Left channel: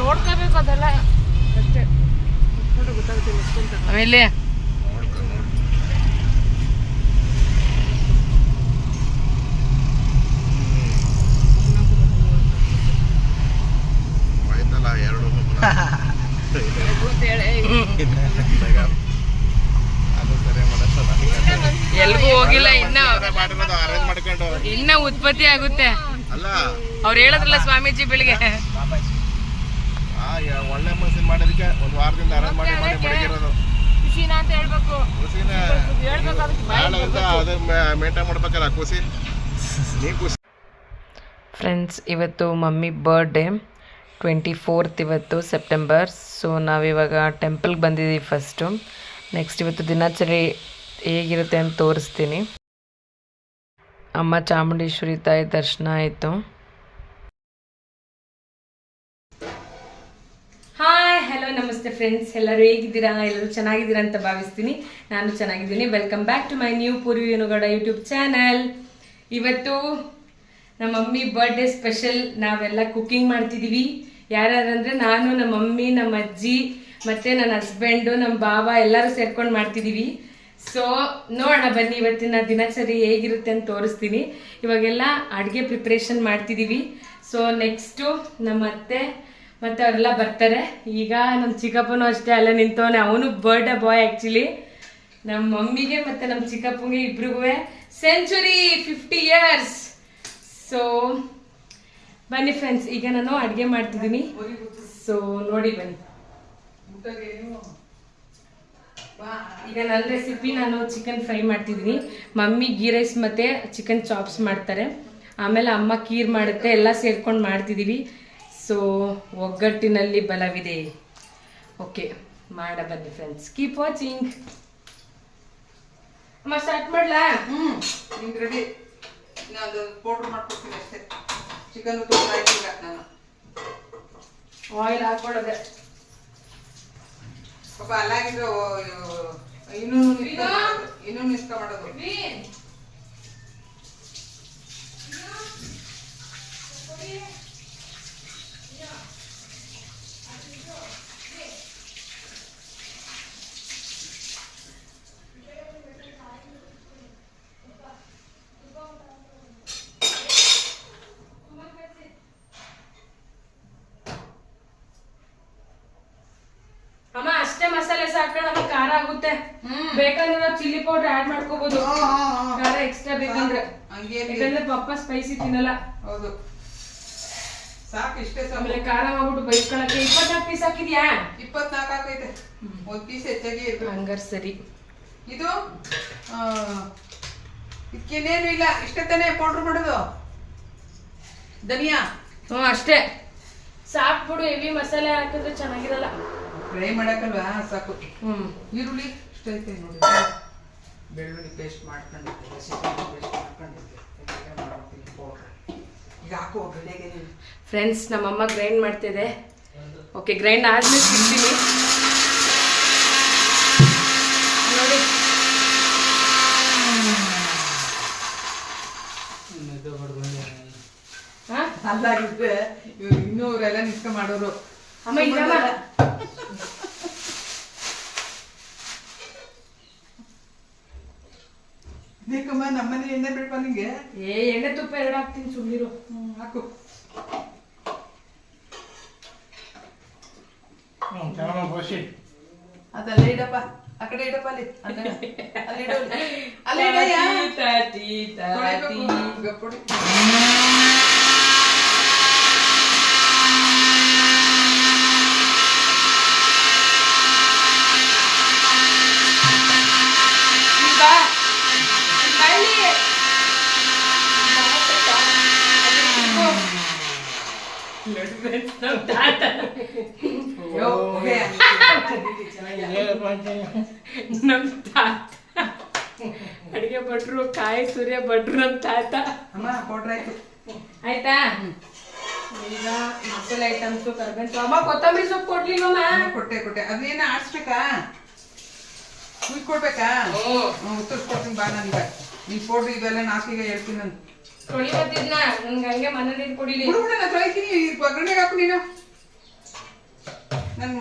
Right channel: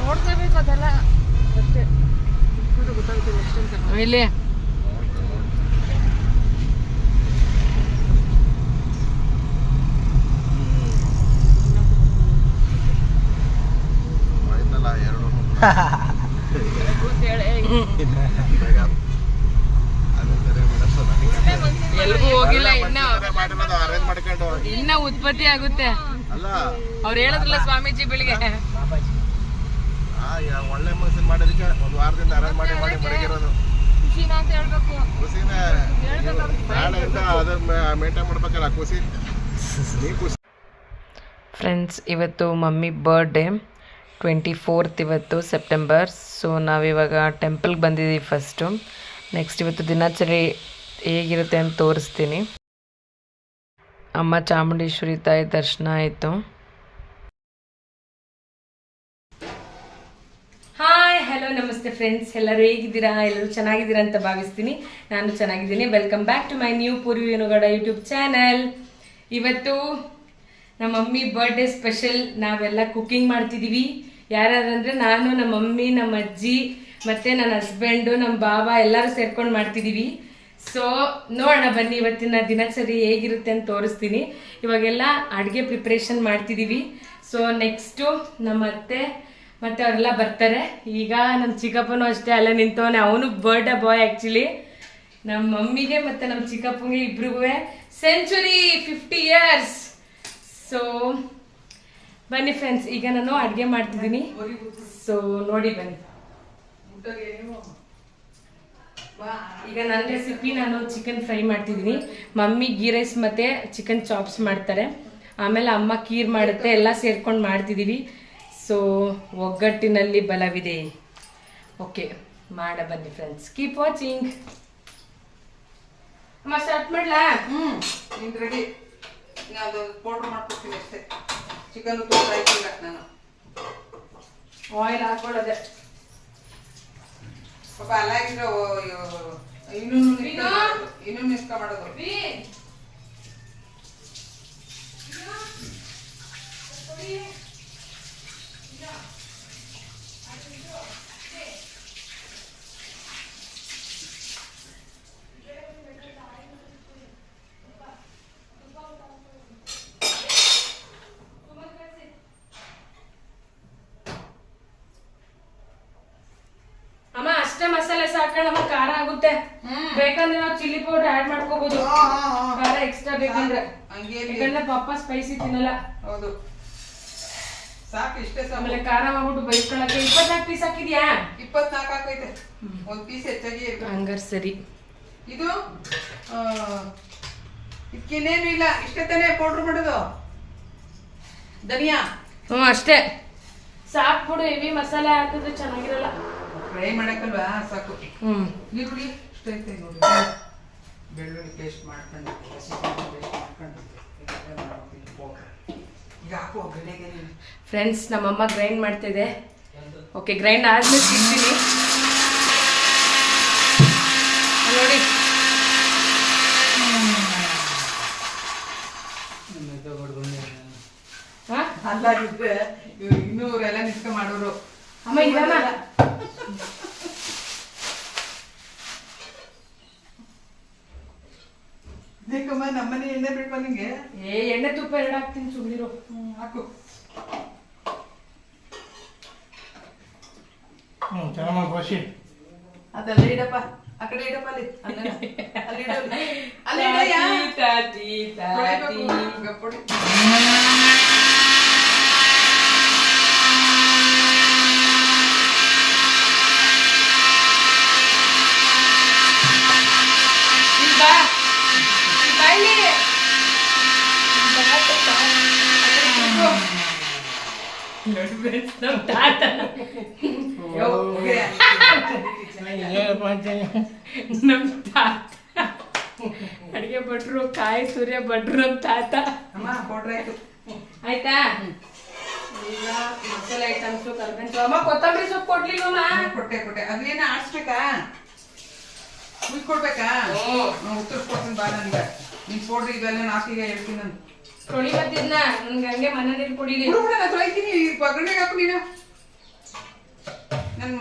ನೋಡ್ಕೋಬೇಕು ಅದೆಲ್ಲ ಅಷ್ಟೇ ಗೊತ್ತಾಗುತ್ತಿಲ್ಲ ಎಷ್ಟಂತ ಆಮೇಲೆ ಎಲ್ಗೂ ಹೋಗಿಲ್ಲ ಇನ್ನ ಉತ್ಪತ್ತಿ ಆಗುತ್ತೆ ಅವ್ರು ಹೇಳಿದ್ರಲ್ಲ ಸ್ವಾಮೀಜಿ ಬೆಳಿಗ್ಗೆ ಒಳ್ಳೆ ಮನಸ್ಸಿನ ಮಾಡೋದಕ್ಕೆ ಒಂದು ವಾರದಿಂದ ಅರೇಂಜ್ ಮಾಡಿ ಮಡಗಿರೋದು ಖುಷಿನ ಅಂತ ಹೇಳ್ಬೇಕು ಖುಷಿನ ನಾಳೆಯಿಂದ ಅದ್ರ ಮೇಂಟೈನ್ ಮಾಡ್ಬೇಕಲ್ಲ ಖುಷಿ ನೀ ಖುಷಿ. ಫ್ರೆಂಡ್ಸ್, ಇವತ್ತು ಮಮ್ಮಿ ಬರ್ಡೇ 24th ಇವತ್ತು ಸೆಪ್ಟೆಂಬರ್. ಸೊ ನಾವಿವಾಗ ಟೆಂಪಲ್ಗೆ ಬಂದಿದ್ದೀವಿ ಫಸ್ಟು. ನೆಕ್ಸ್ಟ್ ಇವತ್ತು ದಿನಾಚರಿ ಹೇಗಿರುತ್ತೆ ಅಂತ ತೋರಿಸ್ತೀನಿ. ಅಮ್ಮ ಚಾಮುಂಡೇಶ್ವರಿ ತಾಯಿ ದರ್ಶನ ಆಯಿತು. ಹಾಯ್, ಹಲೋ, ನಮಸ್ತೆ ಫ್ರೆಂಡ್ಸ್. ಎಲ್ಲರೂ ಹೇಗಿದ್ದೀರಾ? ಎಲ್ಲರೂ ಚೆನ್ನಾಗಿದ್ದೀರಾ ಅಂತ ಭಾವಿಸ್ತೀನಿ. ನಾನು ಚೆನ್ನಾಗಿದ್ದೀನಿ. Welcome back to my new Poorvi Venugowda YouTube channel. ಇವತ್ತು ನಮ್ಮ ಮಮ್ಮಿ ಬರ್ಡೇ ಸ್ಪೆಷಲ್. ನಾವೆಲ್ಲ ಕುಕ್ಕಿಂಗ್ ಮಾಡ್ತಿದ್ದೀವಿ. ಯಾರ್ಯಾರಂದರೆ ನಾನು, ನಮ್ಮ ಮಮ್ಮಿ, ನಮ್ಮ ಅಜ್ಜಿ, ಮತ್ತು ನನ್ನ ಹಸ್ಬೆಂಡು, ನಮ್ಮ ಬಾಬಾ ಎಲ್ಲರೂ ಸೇರ್ಕೊಂಡು ಮಾಡ್ತಿದ್ದೀವಿ. ಸೊ ನೋಡೋಣ ಬನ್ನಿ ಇವತ್ತಿನ ದಿನಚರಿ ಹೇಗಿರುತ್ತೆ ಅಂತ ತೋರಿಸ್ತೀನಿ. ಇವಾಗೆಲ್ಲ ಅಡುಗೆ ಪ್ರಿಪ್ರೇಷನ್ ಮಾಡ್ತಿದ್ದೀವಿ. ಸೊ ನೆಕ್ಸ್ಟು ನಮ್ಮ ಅತ್ತೆ ಮತ್ತು ಅವರೆಲ್ಲ ಬರ್ತಾರೆ. ಈಗ ನಮ್ಮ ಚಿಕ್ಕಪ್ಪನೂ ಅಷ್ಟೇ ಅಲ್ಲೇ ನಿಂತವನೆ. ಅವನು ಬರ್ಡೇ ಬಾಯ್ ಆ್ಯಕ್ಚುಲಿ. ನಮ್ಮ ಮಮ್ಮಿಗೆ ಮತ್ತು ನಮ್ಮ ಚಿಕ್ಕಪ್ಪನಿಗೆ ಇಬ್ರಿಗೂ ಸೆಂಚುರಿ 50 years. ಸೊ ಬನ್ನಿ ಫ್ರೆಂಡ್ಸ್, ಈಗ ನಾನು ಅಡುಗೆ ಮಾಡ್ತಿದ್ದೀನಿ. ಸೊ ನೋಡಿ ಬನ್ನಿ. ಈಗ ನನ್ನ ರೆಸಿಪಿ, ನಾನು ಚಿಕನ್ ಫ್ರೈ ಮಾಡ್ತಿದ್ದೀನಿ. ಮಮ್ಮಿ ಗೀ ರೈಸ್ ಮತ್ತು ಚಿಕನ್ ಚಾಪ್ಸ್ ಮಾಡ್ತಾರೆ. ಆಮೇಲೆ ಅಮ್ಮ ಕೀರ್ ಮಾಡುತ್ತೆ. ಎಲ್ಲ ಸೇರ್ಕೊಂಡು ಮಾಡ್ತಿದ್ದೀವಿ. ಸೊ ಒಗ್ಗಟ್ಟಿನಲ್ಲಿ ಬಲವಿದೆ. ಓಕೆ, ಮಾಡ ಬನ್ನಿ ಫ್ರೆಂಡ್ಸ್. Keep watching. ಅಮ್ಮ ಸ್ಟಾರ್ಟ್ ಮಾಡ್ಲಾ? ನಿಮ್ಗೆ ರೆಡಿ. ನಾನು ಪೌಡ್ರ್ ಮಾಡ್ಕೊಡ್ತೀನಿ ಅಷ್ಟೇ. ಚಿಕನ್ ತೋಟ ಹಾಕಿಲ್ಲ ನಾನು. ಆಯಿಲ್ ಹಾಕೊಳ್ಳೋದೆ ಪಾಪ ಅಲ್ಲಾಗಿದ್ರೆ ಇನ್ನೂ ನಿಸ್ಕ ಮಾಡೋದು. ಮಸಾಲೆ ಸಾಕ ನಮ್ಗೆ ಖಾರ ಆಗುತ್ತೆ. ಬೇಕಂದ್ರೆ ನಾವು ಚಿಲ್ಲಿ ಪೌಡರ್ ಆಡ್ ಮಾಡ್ಕೋಬಹುದು. ಖಾರ ಎಕ್ಸ್ಟ್ರಾ ಬೇಕಂದ್ರೆ. ಯಾಕಂದ್ರೆ ಪಪ್ಪ ಸ್ಪೈಸಿ ತಿನ್ನಲ್ಲ. ಹೌದು, ಸಾಕು ಇಷ್ಟೇ. ಆಮೇಲೆ ಖಾರ ಮಾಡ್ಬಿಟ್ಟು ಬೈಸ್ಕೊಳಕ್ಕೆ 24 ಪೀಸ್ ಹಾಕಿದ್ಯಾ? 24 ಹಾಕೈತೆ. ಒಂದ್ ಪೀಸ್ ಹೆಚ್ಚಾಗಿ ಹಂಗಾರೆ ಸರಿ. ಇದು ಇದಕ್ಕೇನೇನು ಇಲ್ಲ, ಇಷ್ಟೇ ತಾನೇ ಪೌಡರ್ ಮಾಡೋದು. ಧನಿಯಾ ಅಷ್ಟೇ ಸಾಕು ಬಿಡು. ಹೆವಿ ಮಸಾಲೆ ಹಾಕಿದ್ರೆ ಚೆನ್ನಾಗಿರಲ್ಲ. ಫ್ರೈ ಮಾಡಕ್ಕಲ್ವಾ, ಸಾಕು. ಈರುಳ್ಳಿ ಇಷ್ಟ ಐತೆ ನೋಡಿ. ಬೆಳ್ಳುಳ್ಳಿ ಪೇಸ್ಟ್ ಮಾಡ್ಕೊಂಡು ಈಗ ಹಾಕುವ ಬೆಳೆಗೆ. ಫ್ರೆಂಡ್ಸ್, ನಮ್ಮಮ್ಮ ಗ್ರೈಂಡ್ ಮಾಡ್ತಿದೆ. ಓಕೆ, ಗ್ರೈಂಡ್ ಆದ್ಮೇಲೆ ಸಿಗ್ತೀನಿ ನೋಡಿ. ಅಲ್ಲಾಗಿದ್ದೆ ಇನ್ನೂರೆಲ್ಲ ನಿಷ್ಠ ಮಾಡೋರು. ಅಮ್ಮ ಇದಲ್ಲ ನೀಕಮ್ಮ ನಮ್ಮನೆ ಎಣ್ಣೆ ಬೇಕು ನಿಂಗೆ. ಎಣ್ಣೆ ತುಪ್ಪ 2 ಹಾಕ್ತೀನಿ. ಸುಮ್ಮನಿರು. ಹಾಕು. ಅದಲ್ಲ ಇಡಪ್ಪ, ಆ ಕಡೆ ಇಡಪ್ಪ. ಅಲ್ಲಿ ಗಪ್ಪಡಿ. ನಮ್ ತಾತ ಅಡಿಗೆ ಭಟ್ರು, ಕಾಯಿ ಸೂರ್ಯ ಭಟ್ರು ನಮ್ ತಾತ. ಆಯ್ತಾ? ಈಗ ಮಸಾಲೆ ಐಟಮ್ಸ್ ಕರ್ಕೊಂಡು. ಅಮ್ಮ ಕೊತ್ತಂಬರಿ ಸೊಪ್ಪು ಕೊಡ್ಲಿಲ್ಲಮ್ಮ? ಕೊಟ್ಟೆ. ಅದೇನ ಆಡ್ಸ್ಬೇಕಾ? ಉತ್ತರಿಸ್ಕೊಡ್ಬೇಕಾ ಉತ್ತರಿಸ್ಕೊಡ್ತೀನಿ ಬಾ ನನ್ಗೆ ನೀನ್ ಕೊಡ್ರಿ ಇದೆಲ್ಲ ನಾಲ್ಕೀಗ ಹೇಳ್ತೀನಿ ನಾನು ತೊಳಿ ಬರ್ತಿದ್ನ ನನ್ಗೆ ಹಂಗೆ ಮನೆ ನೀರು ಕುಡಿಲಿ ನಾನು ತೊಳಿತೀನಿ ಒಗ್ಗರಣೆಗೆ ಹಾಕು ನೀನು ನಾನು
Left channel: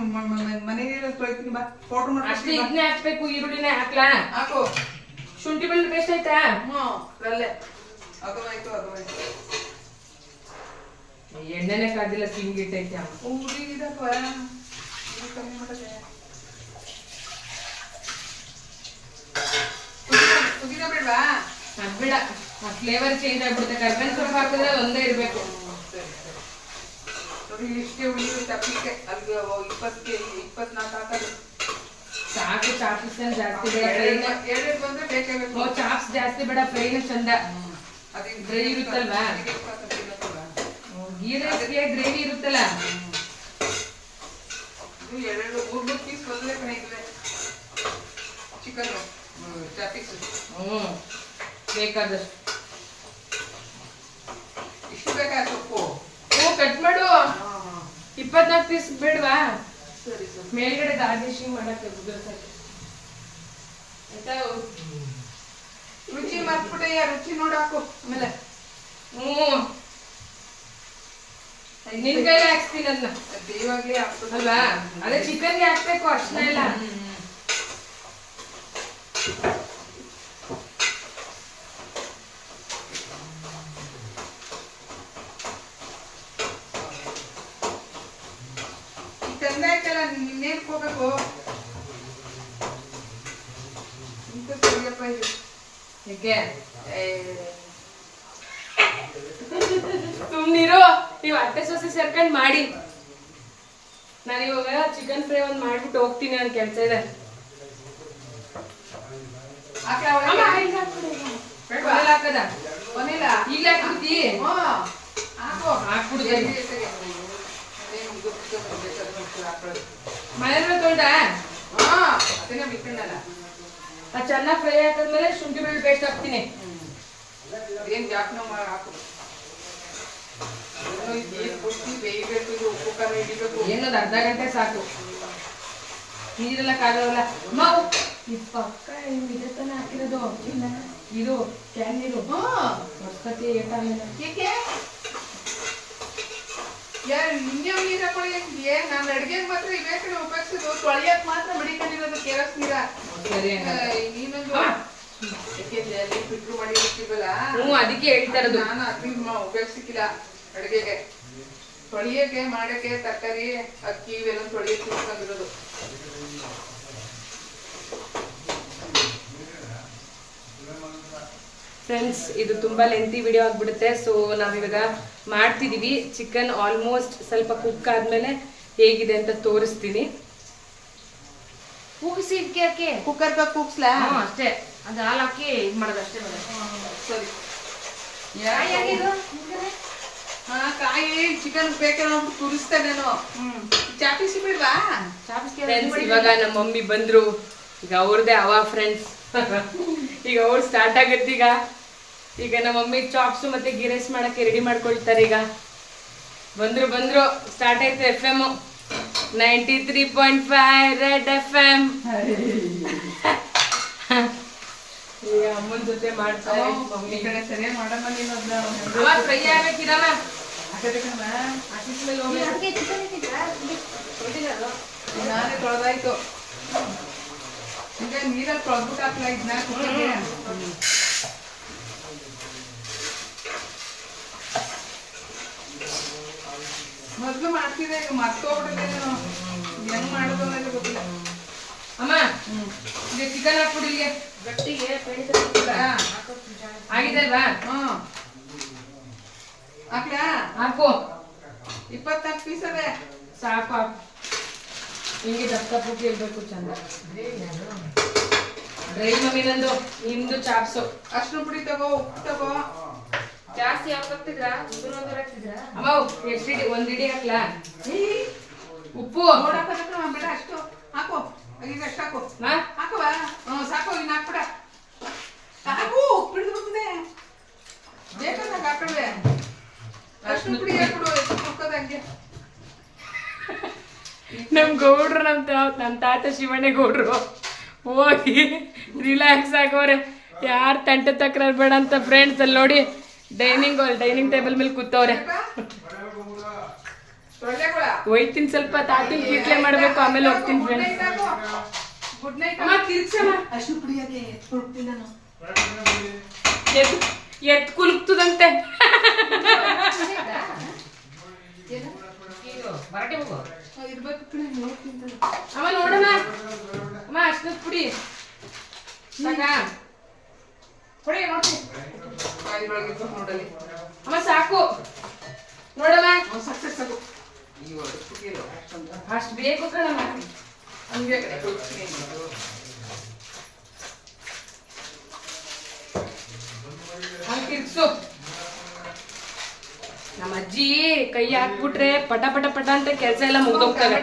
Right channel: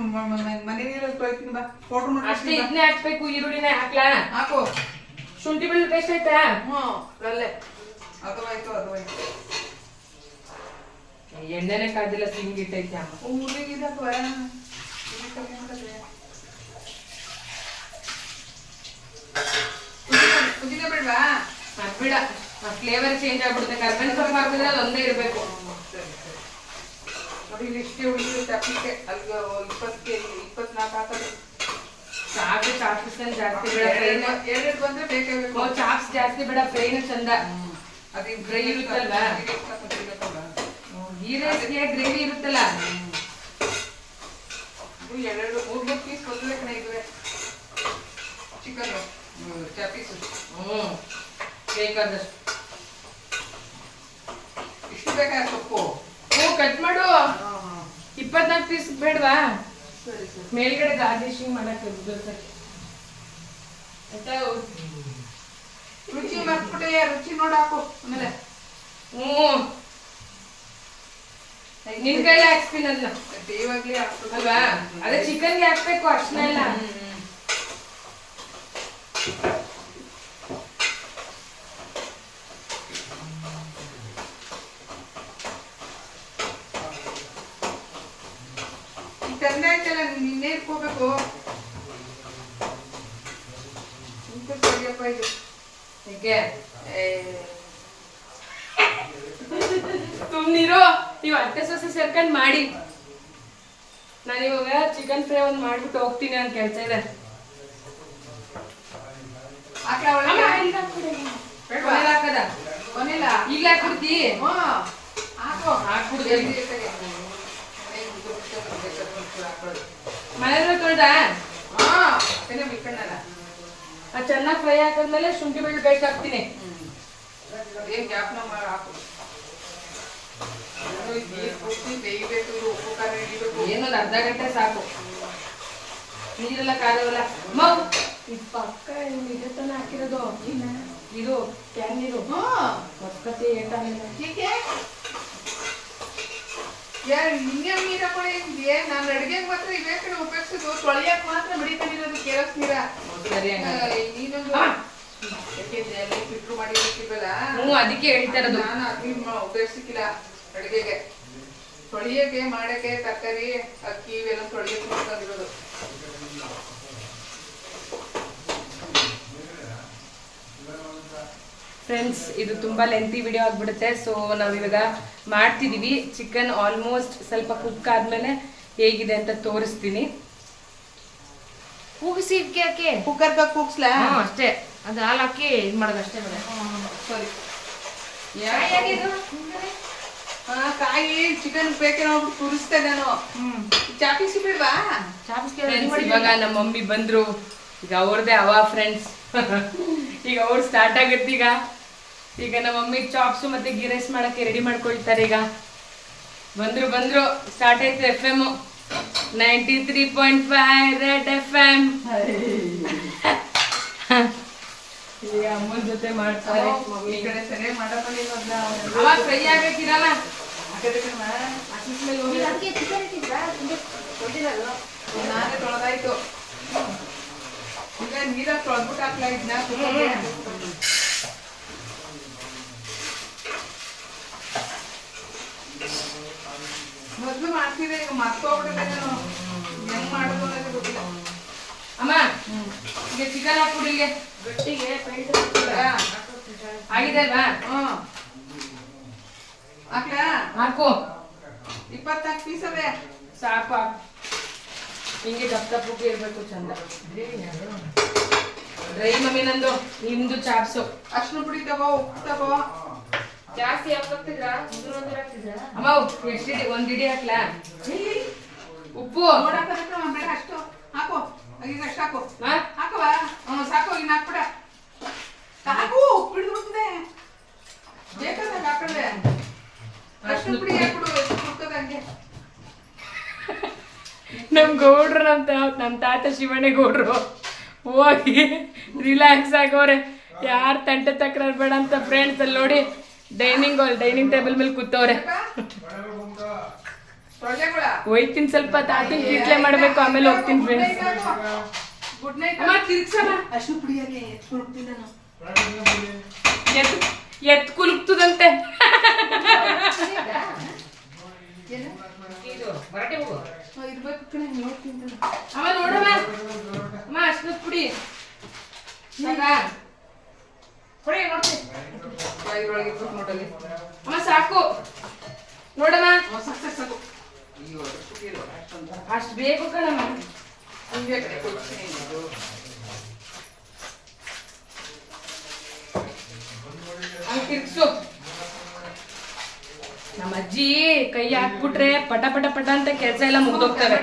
ಮನೆ ನೀರಲ್ಲಿ ತೊಳಿತೀನಿ ಬಾ ಪೌಡ್ರ್ ಅಷ್ಟೇ ಮಾಡಿ ಇದನ್ನೇ ಹಾಕ್ಬೇಕು ಈರುಳ್ಳಿನೇ ಹಾಕ್ಲಾ ಹಾಕು ಶುಂಠಿ ಬೆಳ್ಳುಳ್ಳಿ ಪೇಸ್ಟ್ ಆಯ್ತಾ ಅಲ್ಲೇ ಅದು ಆಯ್ತು ಎಣ್ಣೆನೆ ಕಾದಿಲ್ಲ ಸಿಂಗಿಟ್ಟೈತೆ ಕುದಿನ ಬೇಡವಾ ಬೇಡ ಫ್ಲೇವರ್ ಚೇಂಜ್ ಆಗ್ಬಿಡುತ್ತೆ ಕರ್ಬೇವಿನ ಸೊಪ್ಪು ಹಾಕಿದ್ರೆ ಅದು ಒಂದೇ ಇರ್ಬೇಕು ನೋಡಿ ಇಲ್ಲಿ ಇಷ್ಟೇ ಉಳಿದು ತಪ್ಪಲಿಕ್ಕೆ ಅಲ್ಲಿ 20 ಕೆಜಿ 24 ಹಾಕೋದು ಸಾಕು ಚಾಪ್ಸ್ ಜಾಸ್ತಿ ಬೇಡ ಫ್ರೈನ ಎರಡು ಬಂದ್ರೆ ಬೇಕಾಗಬೇಕು ಚಾಪ್ಸ್ ಜಾಸ್ತಿ ಬೇಡ ಫ್ರೈನ ಚಂದ ಅದು ಗ್ರೇವಿ ಇರುತ್ತಲ್ವಾ ಗೀ ರೈಸ್ಗೆ ಗ್ರೇವಿ ಇರುತ್ತಲ್ಲ ಎರಡು 3 ಪೀಸ್ ಬಂದ್ರೆ ಕಣೆ ಚಿಕನ್ ಚಾಪೀಸ್ ಬೇಕಾದಷ್ಟು ಇಷ್ಟು ಬೇಕಾ ಸೊಪ್ಪು ಕಟ್ ಮಾಡು 24 ಪೀಸ್ ಬೇಡವಾ ಸರಿ ಸರಿ ಮೇಲ್ಗಡೆ ಗಾರ್ನಿಶಿಂಗ್ ಮಾಡಕ್ಕೆ ರುಚಿ ಮರ್ತ್ಬಿಟ್ಟೆ ರುಚಿ ನೋಡಿ ಹಾಕು ಆಮೇಲೆ ನಿನ್ ಕೈಲಿ ಹಾಕ್ತೀನಿ ಅದನ್ನ ಇವಾಗ್ಲೇ ಹಾಕ್ಬೇಕು ಅಲ್ವಾ ಅದೇ ಚಿಕನ್ಗೆ ಹಾಕ್ಬೇಕು ಅರ್ಶನ ಎಲ್ಲ ತಂದೆ ಆಯ್ತಲ್ಲ ಇನ್ನೇನ್ ಹೋಗ್ಬೇಕು ಇಂತ ಸರಿಯಪ್ಪ ಇದು ಹೀಗೆ ಸುಮ್ನಿರೋ ನೀವು ಅತ್ತೆ ಸೊಸೆ ಸೇರ್ಕೊಂಡ್ ಮಾಡಿ ನಾನು ಇವಾಗ ಚಿಕನ್ ಫ್ರೈ ಒಂದ್ ಮಾಡ್ಬಿಟ್ಟು ಹೋಗ್ತೀನಿ ನನ್ ಕೆಲ್ಸ ಇದೆ ಹಾಕಿ ಅವಳಿಗೆ ಕೊನೆಲ್ ಹಾಕದ ಕೊನೆಲ್ಲ ಈಗ್ಲೇ ಹಾಕ್ಬಿಡ್ತಿ ಹಾಕು ಹಾಕ್ಬಿಡ್ತೀನಿ ಮನೇಲಿ ತೊಳ್ದ ಅದನ್ನೇ ಮಿಕ್ಕಣ್ಣಲ್ಲ ಚೆನ್ನಾಗಿ ಫ್ರೈ ಹಾಕಿದ್ಮೇಲೆ ಶುಂಠಿ ಬೆಳ್ಳುಳ್ಳಿ ಪೇಸ್ಟ್ ಹಾಕ್ತೀನಿ ಏನ್ ಜಾಪನ ಹಾಕು ಪೂರ್ತಿ ಬೇಯಬೇಕು ಇದು ಉಪ್ಪು ಖಾರ ಹಿಡಿಬೇಕು ಏನೊಂದು ಅರ್ಧ ಗಂಟೆ ಸಾಕು ನೀರೆಲ್ಲ ಖಾರವಲ್ಲ ಮಾವು ಈ ಪಕ್ಕ ಇದೇ ತಾನೇ ಹಾಕಿರೋದು ಇದು ಕ್ಯಾನ್ ನೀರು ಹೊಸಪತಿ ಏಟಾಗಿಲ್ಲ ಏಕೆ ಯಾರು ಇನ್ನೇನು ನೀರು ಹಾಕೊಳ್ಳಿ ನಾನು ಅಡುಗೆಗೆ ಮಾತ್ರ ಇವೇ ಕಡೆ ಉಪಯೋಗಿಸೋದು ತೊಳೆಯಕ್ಕೆ ಮಾತ್ರ ಮಡಿಕೊಂಡಿರೋದು ಕೆರಸ್ ನೀರ ಸರಿ ನೀನೊಂದು ಯಾಕೆಂದ್ರೆ ಅಲ್ಲಿ ಫಿಲ್ಟ್ರು ಮಾಡಿ ಇರ್ತೀವಲ್ಲ ಅದಕ್ಕೆ ಹೇಳ್ತಾ ಇರೋದು ನಾನು ಅದನ್ನ ಉಪಯೋಗಿಸಿಕ್ಕಿಲ್ಲ ಅಡುಗೆಗೆ ತೊಳೆಯಕ್ಕೆ ಮಾಡಕ್ಕೆ ತರಕಾರಿ ಅಕ್ಕಿ ಇವೆಲ್ಲ ತೊಳೆಯಕ್ಕೆ ಇಟ್ಕೊಂಡಿರೋದು ಫ್ರೆಂಡ್ಸ್ ಇದು ತುಂಬಾ ಲೆಂತಿ ವಿಡಿಯೋ ಆಗ್ಬಿಡುತ್ತೆ ಸೊ ನಾವಿವಾಗ ಮಾಡ್ತಿದೀವಿ ಚಿಕನ್ ಆಲ್ಮೋಸ್ಟ್ ಸ್ವಲ್ಪ ಕುಕ್ ಆದ್ಮೇಲೆ ಹೇಗಿದೆ ಅಂತ ತೋರಿಸ್ತೀನಿ ಕೂಗಿಸಿ ಇಟ್ಕೆ ಕುಕ್ಕರ್ಗೆ ಕೂಗ್ಸ್ಲಾ ಅಷ್ಟೇ ಅದು ಹಾಲು ಹಾಕಿ ಇದು ಮಾಡೋದು ಅಷ್ಟೇ ಸರಿ ಕಾಯಿ ಚಿಕನ್ ಬೇಕೇನೋ ತುರಿಸ್ತೆ ನಾನು ಚಾಪಿಸಿ ಬಿಡ್ವಾ ಇವಾಗ ನಮ್ಮ ಮಮ್ಮಿ ಬಂದ್ರು ಈಗ ಅವ್ರದೇ ಅವ ಫ್ರೆಂಡ್ಸ್ ಈಗ ಅವ್ರು ಸ್ಟಾರ್ಟ್ ಆಗತ್ತೆ ಈಗ ನಮ್ಮ ಮಮ್ಮಿ ಚಾಪ್ಸ್ ಮತ್ತೆ ಗೀ ರೈಸ್ ಮಾಡಕ್ಕೆ ರೆಡಿ ಮಾಡ್ಕೊಳ್ತಾರೆ ಈಗ ಬಂದ್ರು ಸ್ಟಾರ್ಟ್ ಆಯ್ತು FM 93.5 ರೆಡ್ FM ಈಗ ಅಮ್ಮನ ಜೊತೆ ಮಾಡ್ತಾರೆ ಮಮ್ಮಿ ಈ ಕಡೆ ಸರಿ ಮಾಡೋಣ ಅವಾಗ ಫ್ರೈ ಆಗಕ್ಕಿರಲ್ಲ ನಾನೇ ತೊಳೆದಾಯ್ತು ಈಗ ನೀರಲ್ಲಿ ತೊಳೆದ್ಬಿಟ್ಟು ಹಾಕ್ಲಾ ಇದನ್ನ ಮೊದ್ಲು ಮಾಡ್ತಿದ್ದೆ ಈಗ ಮರ್ತೋಗ್ಬಿಟ್ಟಿದ್ದೇನು ಹೆಂಗ್ ಮಾಡೋದು ಅನ್ನೋದು ಗೊತ್ತಿಲ್ಲ ಅಮ್ಮ ಈಗ ಚಿಕನ್ ಹಾಕ್ಬಿಡಿ ಇಲ್ಲಿಗೆ ಗಟ್ಟಿಗೆ ಆಗಿದಲ್ವಾ ಹಾಕ್ಲಾ ಹಾಕು 24 ಪೀಸ್ ಅದೇ ಸಾಕು ಹಾಕು ಹಿಂಗೆ ದಪ್ಪಕ್ಕೆ ಇರ್ಬೇಕು ಚಂದ ಡ್ರೈ ಮಮ್ಮಿ ನಂದು ನಿಮ್ದು ಚಾಪ್ಸು ಅರ್ಶಿನ ಪುಡಿ ತಗೋ ಉಪ್ಪು ತಗೋ ಜಾಸ್ತಿ ಹಾಕ್ತಿದ್ರಾ ಅಮ್ಮ ಎಷ್ಟು ಇಡಿ ಒಂದ್ ಇಡಿ ಹಾಕ್ಲಾ ಉಪ್ಪು ನೋಡಕ್ಕ ಬೇಡ ಅಷ್ಟು ಹಾಕು ಈಗ ಅಷ್ಟು ಹಾಕು ಹಾ? ಹಾಕುವ ಸಾಕು ಇನ್ನು ಹಾಕ್ಬಿಡ ಹಾಕು ಉಪ್ಪು ಹಿಡಿದು ಬರ್ತದೆ ಬೇಕಾದಾಗ ಹಾಕಲ್ವೇ ಅರ್ಶಿನ ಪುಡಿ ಹಾಕ್ಬಿಡು ಎಷ್ಟು ಕುಕ್ಕದ ಹಂಗೆ ನಮ್ ಗೌಡ್ರು ನಮ್ ತಾತ ಶಿವಣ್ಣ ಗೌಡ್ರು ಹೋಗಿ ರಿಲ್ಯಾಕ್ಸ್ ಆಗೋರೆ. ಯಾರು ತಂಟೆ ತಕರಾರು ಬೇಡ ಅಂತ ಫ್ರೆಂಡ್ಸ್. ಅಲ್ಲಿ ನೋಡಿ ಡೈನಿಂಗ್ ಟೇಬಲ್ ಮೇಲೆ ಕೂತವ್ರೆ. ಹೋಯ್ತೀನಿ ಸ್ವಲ್ಪ ತಾತನ್ ಕಿಟ್ಲೆ ಮಾಡ್ಬೇಕು, ಆಮೇಲೆ ಹೋಗ್ತೀನಿ ಫ್ರೆಂಡ್ಸ್. Good night. ತಿರ್ಗ್ಸಮ್ಮ. ಅಷ್ಟು ಕುಡಿಯೋಕೆ ಎತ್ಕೊಡ್ತೀನಿ ನಾನು. ಎತ್ ಕುಲುಕ್ತದಂತೆ. ಇರ್ಬೇಕು ಕಣೆ, ನೋಡ್ತೀನಿ ಕಣೆ. ಅಮ್ಮ ನೋಡಮ್ಮ. ಅಮ್ಮ ಅಷ್ಟು ಪುಡಿ ಸಾಕಾ? ಕೊಡಿ ನೋಡ್ತೀನಿ. ಬಾಯಿ ಒಳಗೆ ಇಟ್ಬಿಟ್ಟು ನೋಡಲ್ಲಿ. ಅಮ್ಮ ಸಾಕು ನೋಡಮ್ಮ. ಸಾಕು. ಅಯ್ಯೋ, ಸುಖಿರು ಅಷ್ಟೊಂದು. ಅಷ್ಟು ಬೇಕು ಕಣಮ್ಮ. ಹಂಗೆ ಕಡೆ ಕೊಡ್ತೀನಿ ಇದು. ಹಂಗೆ ತಿರ್ಗ್ಸು. ನಮ್ಮ ಅಜ್ಜಿ ಕೈ ಹಾಕ್ಬಿಟ್ರೆ ಪಟ ಪಟ ಪಟ ಅಂತ ಕೆಲಸ ಎಲ್ಲ ಮುಗ್ದೋಗ್ತವೆ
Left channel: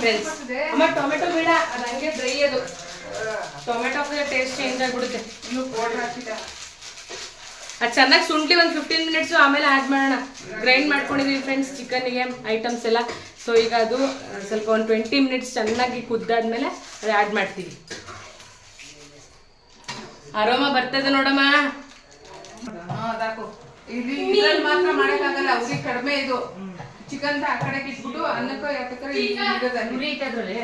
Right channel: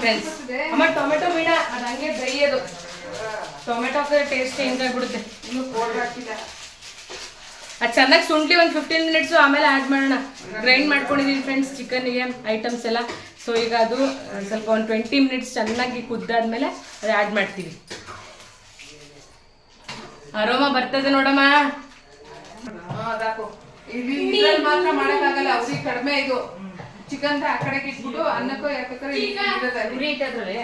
ಫ್ರೆಂಡ್ಸ್. ಅಮ್ಮ ಟೊಮೆಟೊ ಬೇಡ, ಅದು ಹಂಗೆ ಡ್ರೈ ಅದು. ಟೊಮೆಟೊ ಹಾಕಿದ್ರೆ ಟೇಸ್ಟ್ ಚೇಂಜ್ ಆಗ್ಬಿಡುತ್ತೆ. ಇನ್ನು ಪೌಡರ್ ಹಾಕಿಲ್ಲ. ಅದು ಚೆನ್ನಾಗಿ ಶುಂಠಿ ಒಂದು 15 ಮಿನಿಟ್ಸು ಆಮೇಲೆ ಆ್ಯಡ್ ಮಾಡೋಣ. ಗ್ರೈಂಡ್ ಮಾಡ್ಕೊಂಡಿದ್ದೀವಿ ಫ್ರೆಂಡ್ಸ್ ಚಿಕನ್ನಿಗೆ ಐಟಮ್ಸ್ ಎಲ್ಲ. ಸೊ ಈಗ ಅದು ಸ್ವಲ್ಪ ಒಂದು 20 ಮಿನಿಟ್ಸ್ ಚೆನ್ನಾಗಿ ಕುದ್ದಾದ್ಮೇಲೆ ಅದು ಆ್ಯಡ್ ಮಾಡ್ತೀವಿ. ಅರೋಮ ಬರ್ತದೆ ನೋಡಮ್ಮ. ಅದಾಕು. ಇಲ್ಲಿ ಇದ್ರಲ್ಲಿ ಮಾತ್ರ ಮಾಡಕ್ಕಾಗಲ್ಲ, ಅವ್ರಿಗೆ ಕಡಿಮೆ ಇದು. ಚಿಕನ್ ಆ ಕಡೆಗೆ ಇಟ್ಬಿಟ್ಟು ಅನ್ನಕ್ಕೂ ಯಾಕಂದ್ರೆ ಉರಿ ಐತೆ ಅದ್ರಲ್ಲಿ.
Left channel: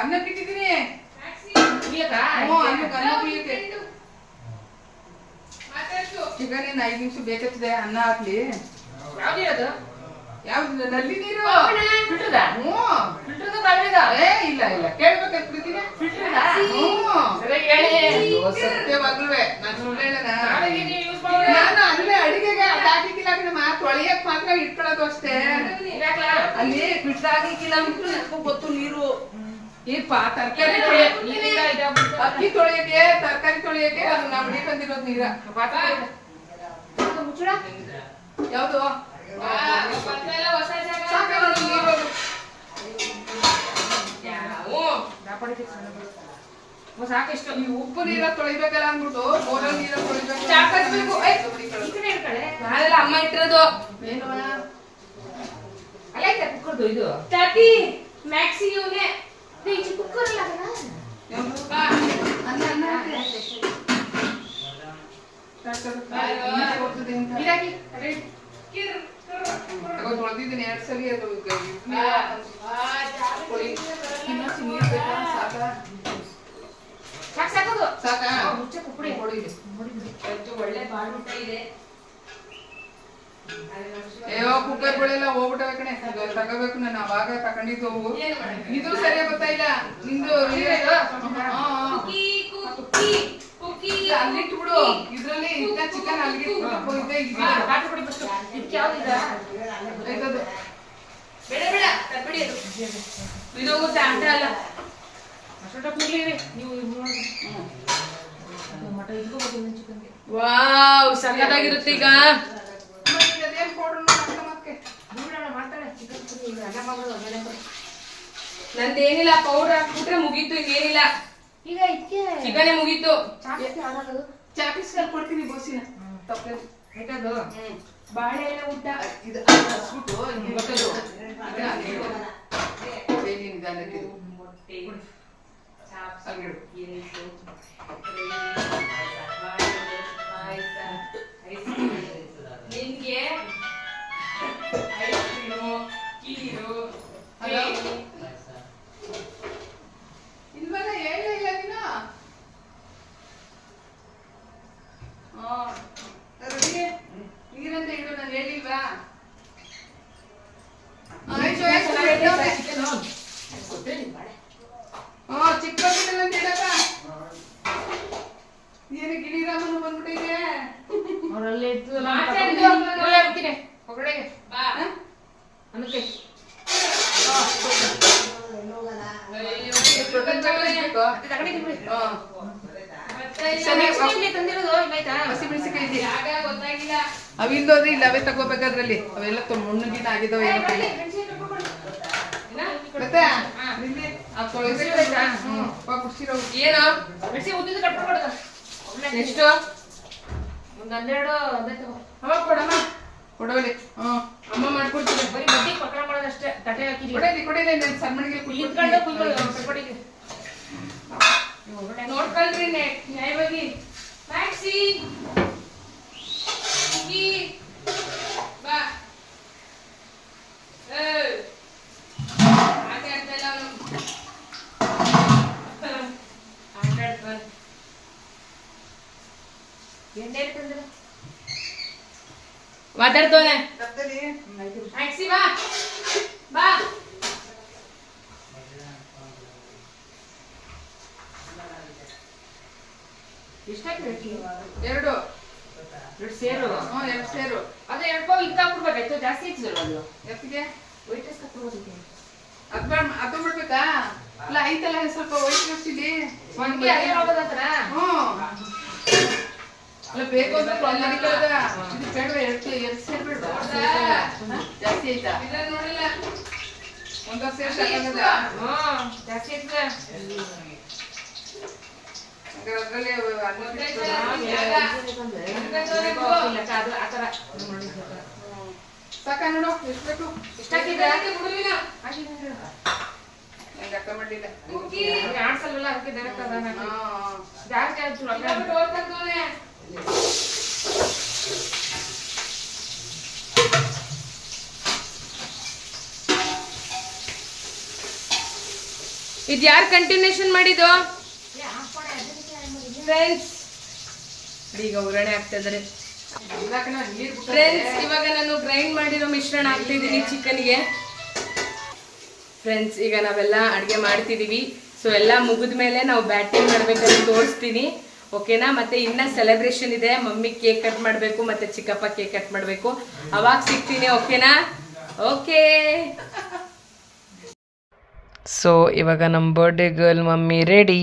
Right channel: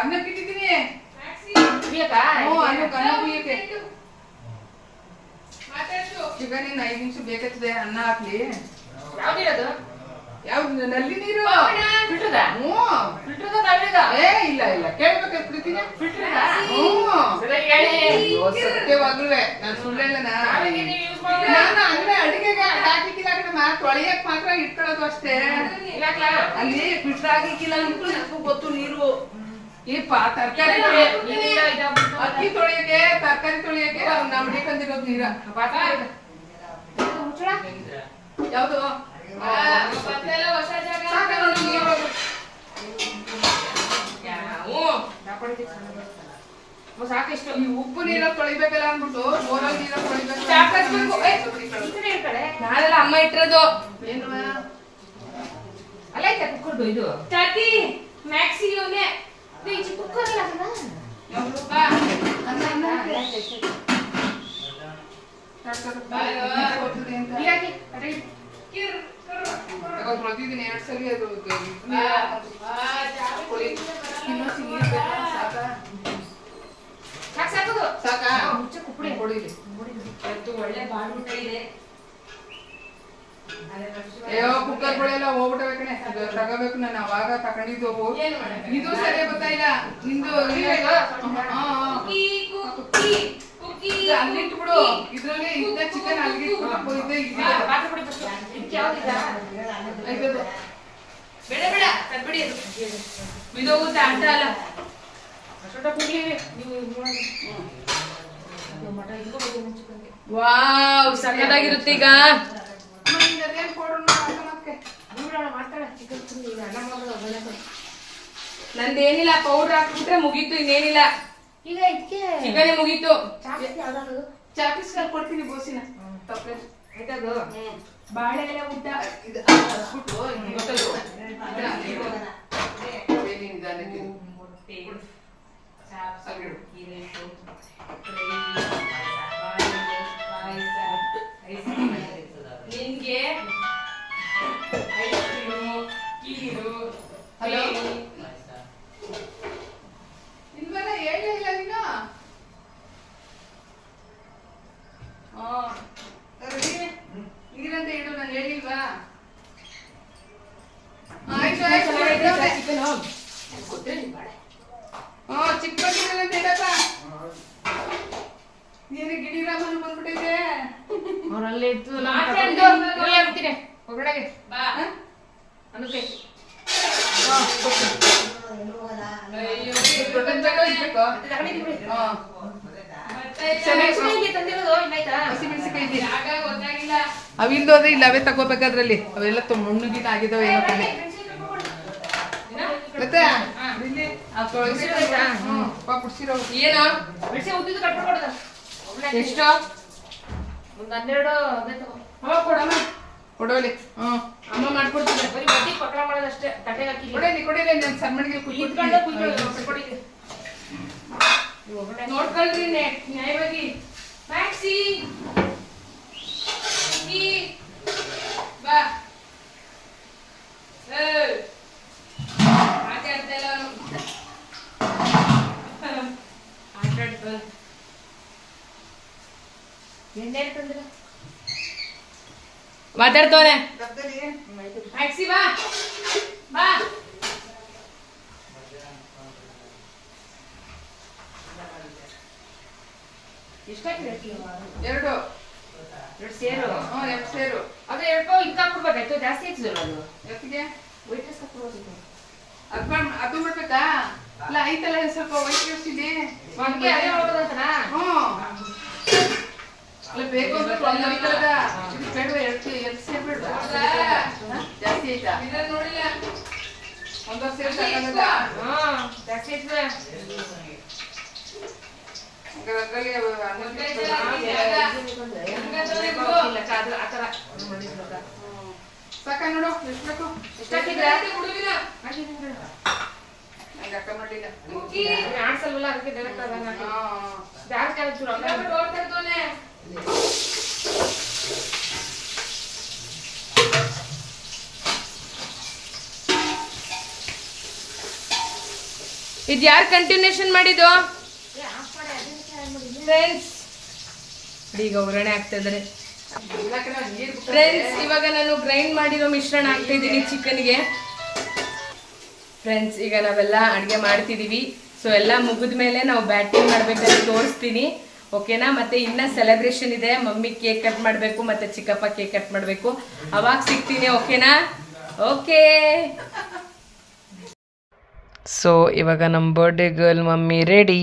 ಅನ್ನಕ್ಕೆ ಇಟ್ಟಿದ್ದೀನಿ. ಚಿಕನ್ ಇನ್ನು 5 ನಿಮಿಷ ಬೇಕಾಗ್ತದೆ. ಅನ್ನ ಹಾಕ್ಲಿ. ಯಾವ್ದು ನಲ್ಲಿ ನೀರು? ಏ ಇಲ್ಲ ಇಲ್ಲ, ಕೇಳ್ಬೇಕಾಗ್ಬಿಡ್ತೀನಿ. ಸತ್ಯವಾಗ್ಲೂ ನಾನು ಸುಳ್ಳೆಲ್ಲನಾ? ನಾನು ಅಲ್ಲೇ ಅಡಿಗೆಗೆ ಹಾಕಿಕ್ಕಿಲ್ಲ ಕಣಮ್ಮ, ತೊಳೆಯಕ್ ಮಾತ್ರ ಇಟ್ಕೊಳ್ಳೋದು ಅಷ್ಟೇ. ಅಲ್ಲಿ ಫಿಲ್ಟರ್ ಹಾಕಿಕ್ಕಿಲ್ಲ ಅಂದ್ಬಿಟ್ಟು ಗೊತ್ತು ನೀರು. ತರಕಾರಿ ಅಕ್ಕಿ ತೊಳೆಯಕ್ಕೆ, ತರಕಾರಿ ತೊಳೆಯಕ್ಕೆ ನಾವು ಮಡಿಕೊಂಡಿರೋದು ನೀರ. ಯಾವ್ದು ಸಾಕೆಷ್ಟು. ಈ ಉಪ್ಪು ನೀರ ತೊಳಿಬೇಕಲ್ಲ ಅಂದ್ಬಿಟ್ಟು ಬೋರಲ್ಲಿ ನೀರ ತೊಳಿಬೇಕು. ನಾಳೆಲ್ಲ ಅಮ್ಮ ಇಟ್ಟಿರೋದು. ಏನವ ಅಲ್ಲ ಕುಕ್ಕರ್ದು ಇದು ಚಾತಿ ಮ್ಯಾಕ್ಸಿಯೋನೆ ಕುಕ್ಕರ್ ಅಲ್ಲ ಅನ್ನ ಅನ್ನ ಗೊತ್ತದೆ ಅಂತ ತೊಳೆದಿದ್ದೀನಿ 2 ಸಲ. ಇನ್ನೊಂದು ನೀರು ಬೇಕಾ? ಸಾಕಾ? ಸಾಕಾ? ಹೊಡಿಲಿ. ಒಳ್ಳೆ ಬಾಳ್ಬಿಟ್ಟ ಇದೆ. ಅಯ್ಯೋ ಕುಕ್ಕರ್ಗಳೆಲ್ಲ ಹೋಗ್ಬಿಟ್ಟವೆ ಕಣೆ. ತಗೋಬೇಕು, ನಾನು ಅವಾಗ ತಗೊಂಡಿದ್ದು ಅವು. ಇದು ಸರಿಯಾಗಿ ಗೊತ್ತಾಯಿಲ್ಲ ನಿಂದು. ಅಲ್ಲಿಟ್ಬಿಡು. ಇದ್ರಲ್ಲಿ ಇದ್ದ ಚಿಕನ್ ಅಲ್ಲಿಟ್ಬಿಟ್ಟು ಬೇಡ ಬೇಡ ತರ್ಬಿಡಿ ಅದು. ಇದು ತಾಟ ಅಲ್ಲ. ವಾವ್ ಸಖತ್ತಾಗಿರುತ್ತೆ. ಈಗ ನಂದೇನಿಲ್ಲ, ಪೌಡರ್ ಹಾಕ್ಬಿಟ್ರೆ ಮುಗೀತು, ಇನ್ನೇನಿಲ್ಲ. ಚಿಕನ್ ಮುಗೀತು. ಚಾಪಿಸ್ ಕೊಡ್ತೀನಿ ಬೋಸಿನ. ತಪ್ಪೇನು ಬಾಳೆ ಎಲ್ಲ ಊಟ ಇದು ಹಸ್ಬಿಟ್ಟು ಗೊತ್ತದು. ನಿನ್ಗೆ ಇನ್ಮೇಲೆ ಹೇಳೇ ಇಲ್ಲ ನೀನು. ನೀರಂತ ಇಡು, ನಾನು ಹೇಳಿಲ್ವಾ? ಆಯ್ತು ಆಯ್ತು. ಚಿಕ್ಕ ಅಂತ ಹೇಳಪ್ಪ. ನೀನು ಗಿಡಿರಾಮನು ಬಂದ್ಬಿಟ್ಟಿದೆ. ಅವರಲ್ಲಿ ಇತ್ತು ಹೊರಗಡೆಗೆ ಅನ್ನಕ್ಕೆ ಅವಿಂದು ಅಂದ್ರೆ ಇಲ್ಲ, ಅವೇ ತಗೋಬೇಕಾದ್ರಲ್ಲಿ ಅವೆಲ್ಲ ಮಣ್ಣುಗಿನ ಆಗಿದಾವೆ. ಮತ್ತೆ ಏನು ಎಷ್ಟು? ಒಂದು 12 ಅವ ಕೊಡಮ್ಮ. ಕೊಡೋಲಿ ಅಮ್ಮ ಮಾಡ್ಕೊಡ್ತಾರೆ ಬರೀ ಬಡ್ಡಿ ಪಕ್ರ ಮಾಡೋದಷ್ಟೇ ತಟ್ಟೆ ಹಾಕಿ ಕೊಡಿಲಿ ನನ್ನ ಸಣ್ಣಗೆ ಕುತ್ಕೊಂಡು ನೋಡ್ಕೊಳ್ರಿ ನ್ಯಾಯವಾಗಿ ಮ್ಯಾಕ್ಸಿ ಬಾ ಮಾತಾಡ್ತಾ ಇಲ್ಲ ಮಾತಾಡ್ತವನೆ ಮ್ಯಾಕ್ಸಿ ಬಾ ಬಾ ಎರಡು ಸೇರು ಎರಡು ಸೇರು ಅದೇ 2 ಪಾವ್ ಇದಕ್ಕೆ ಹಾಕ್ಬಿಡ್ಬೇಕಾಯ್ತು ಜಾಸ್ತಿ ಹೆಚ್ಚಿದ್ರು ಅದು ಎತ್ತಿಗೆ ವೈಟ್ ರೈಸ್ ಹಾಕ್ಬಿಡೋದಕ್ಕೆ ಅದು ಬಿಡ್ಬೇಕಾ ಅಲ್ಲ ಐತಲ್ಲ ಸ್ವಲ್ಪ ವೈಟ್ ರೈಸ್ ಇಲ್ಲಿ ಒಂದೇ ಅದೇ ಮಾಡೋದಂತನಾ ಅಲ್ಲ ಬೇಕು ಅಂದ್ರೆ ಪ್ರಾಬ್ಲಮ್ ಇಲ್ಲದ ಇದು ಬೇಡ ಎರಡು ಸೇರು ಬೇಡ ಜಾಸ್ತಿ ಆಯ್ತಾ ನೋಡಿಲ್ಲ ಒಂದೊಂದು ಸೇರು ಸಾಕಾಗದ ಜಾಸ್ತಿ ಐತೆ ಅದರಲ್ಲಿ ಸಾಕ ನೋಡು ಎಷ್ಟು ಬೇಕು ನಂಗೆ ಅಕ್ಕ ಮಾಡಲಿಲ್ಲ ಆಡ್ಸಲ್ವಲ್ಲ ಅದಕ್ಕೆ ಇದು ಯಾರು ಕಂಟಿನ್ಯೂಷನ್ ಮಾಡಿದ್ದು ಫ್ರೆಂಡ್ಸ್ ಈಗ ಒಗ್ಗರಣೆ ಆಗ್ತಾ ಇದ್ದಾರೆ ಫ್ರೆಂಡ್ಸ್ ಇವಾಗ ನಾನು ಗ್ರೈಂಡ್ ಮಾಡಿರೋ ಮಿಶ್ರಣ ಹಾಕ್ತಾ ಇದ್ದೀನಿ ಚಿಕನ್ಗೆ ಫ್ರೆಂಡ್ಸ್ ಈಗ ನಾವೆಲ್ಲ ಅಡುಗೆ ಮಾಡ್ತಿದ್ದೀವಿ ಸೊ ಎಲ್ಲ ಮುಗಿದ ಮೇಲೆ ನಾವು ಬ್ಯಾಟಿಂಗ್ ಮಾಡ್ಬೇಕಂತ ತೋರಿಸ್ತೀನಿ ಓಕೆನಾ ಮತ್ತೆ ಇನ್ನ ಸೆಲೆಬ್ರೇಷನ್ ಇದೆ ಮಮ್ಮಿ ಕೇಕ್ ಕಟ್ ಮಾಡಬೇಕು ಮತ್ತೆ ಚಿಕ್ಕಪ್ಪ ಕೇಕ್ ಕಟ್ ಮಾಡಬೇಕು ಅವಾಗ ಸಿಗ್ತೀನಿ ಓಕೆನಾ ಓಕೆ ಸೊ ಇವಾಗ ನಮ್ಮ ಬರ್ಡೇ ಗರ್ಲ್ ಮಮ್ಮಿ ರೆಡಿ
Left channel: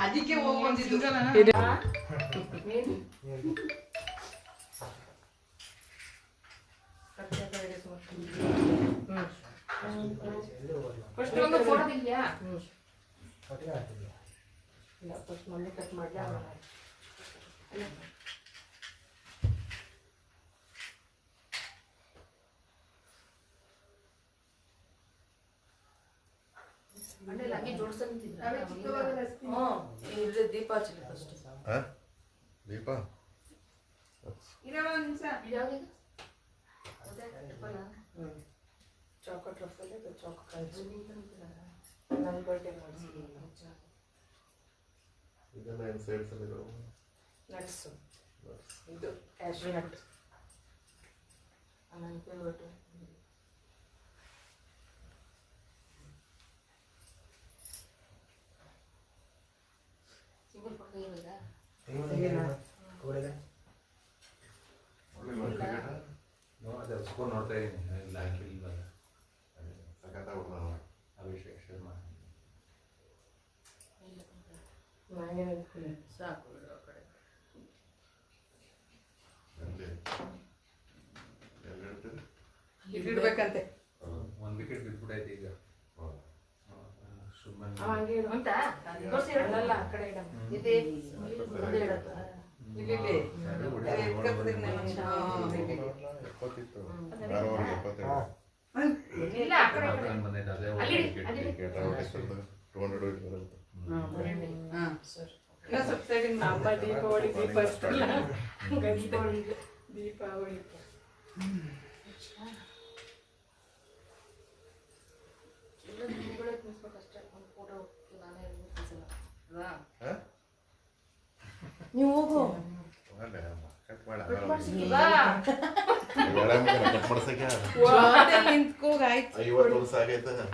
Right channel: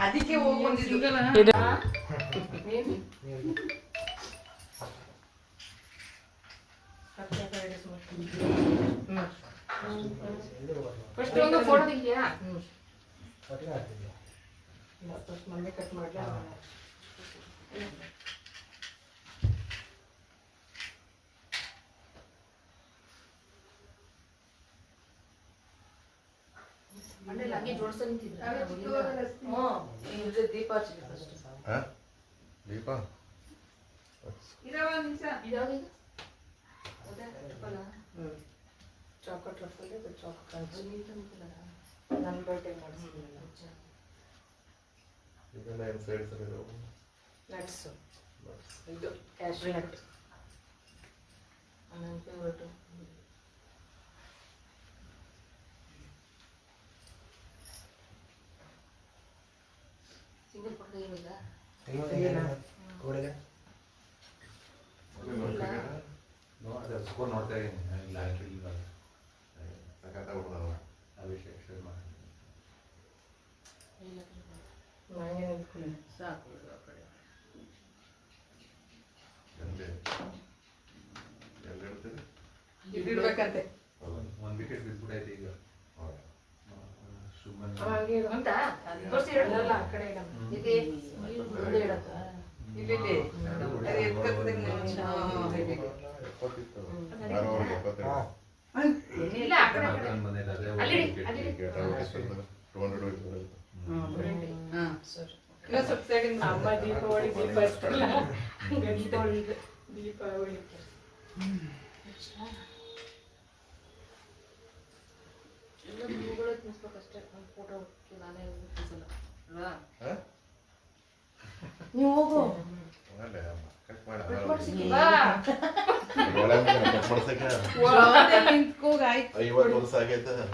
ಅದಕ್ಕೆ ಹೋಗಿ ಬಂದಿದ್ದು ಫಸ್ಟ್ ಒಂದು ಫೋಟೋ ತೆಗಿಯಾ ಮಮ್ಮಿ ಕಟ್ ಮಾಡ್ಲಾ ದೀಪ ಚಾಕೋಟ್ ರಫಲ್ ಚಾಕೋಟ್ ನನ್ನ ಬರ್ಡೇ ಇದೆಲ್ಲ ಏನು ಸೈಡ್ ಸರಿ ನಟ್ಸು ಇದು ಕ್ಯಾಶ್ಯೂ ನಟ್ ನನ್ನ ಫೇವ್ರೇಟು ಸಿಂಗಲ್ ಪಕ್ಕ ಇರೋದಾ ನೋಡ್ತಾ ಇದ್ದೀನಿ ಇಲ್ಲ ಹಾಕಿಲ್ಲ ಅಭಿಷೇಕ್ ಶರ್ಮಾ ಸಾಕು ಇಡ್ಬೇಕಂತೆ ಒಂದು ವಿಕೆಟ್ ಬಿದ್ಬಿಟ್ಟೈತೆ ಈಗ ಶುಭ್ಮನ್ ಅಂತ ಅಲ್ಲ ಆ ಕಡೆ ಇಲ್ಲ ಆ ಕಡೆ ಅಮ್ಮ ದೀಪಾವಳಿ ದೀಪ ಹಚ್ತಲ್ಲ ದೀಪಾವಳಿ ದೀಪಾವಳಿ ಎಲ್ಲ ನೀವುಗಳೇ ತಿನ್ಸ್ಬೇಕಷ್ಟೇ ಒಂದು ಫೋಟೋ ನಾನೇ ತಿನ್ಸಲ್ಲ ಅಲ್ವಾ ನೀವು ಹೋಗು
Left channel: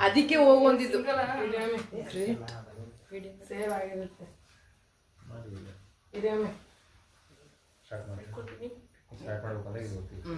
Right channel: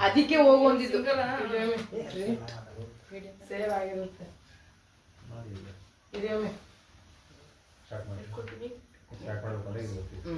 ಅದಕ್ಕೆ ಹೋಗಿ ಬಂದಿದ್ದು ಸೇವ್ ಆಗಿರುತ್ತೆ ಇದೆಯೊಮ್ಮೆ ಸ್ಟಾರ್ಟ್ ಮಾಡಬೇಕಂದ್ರೆ ಇದು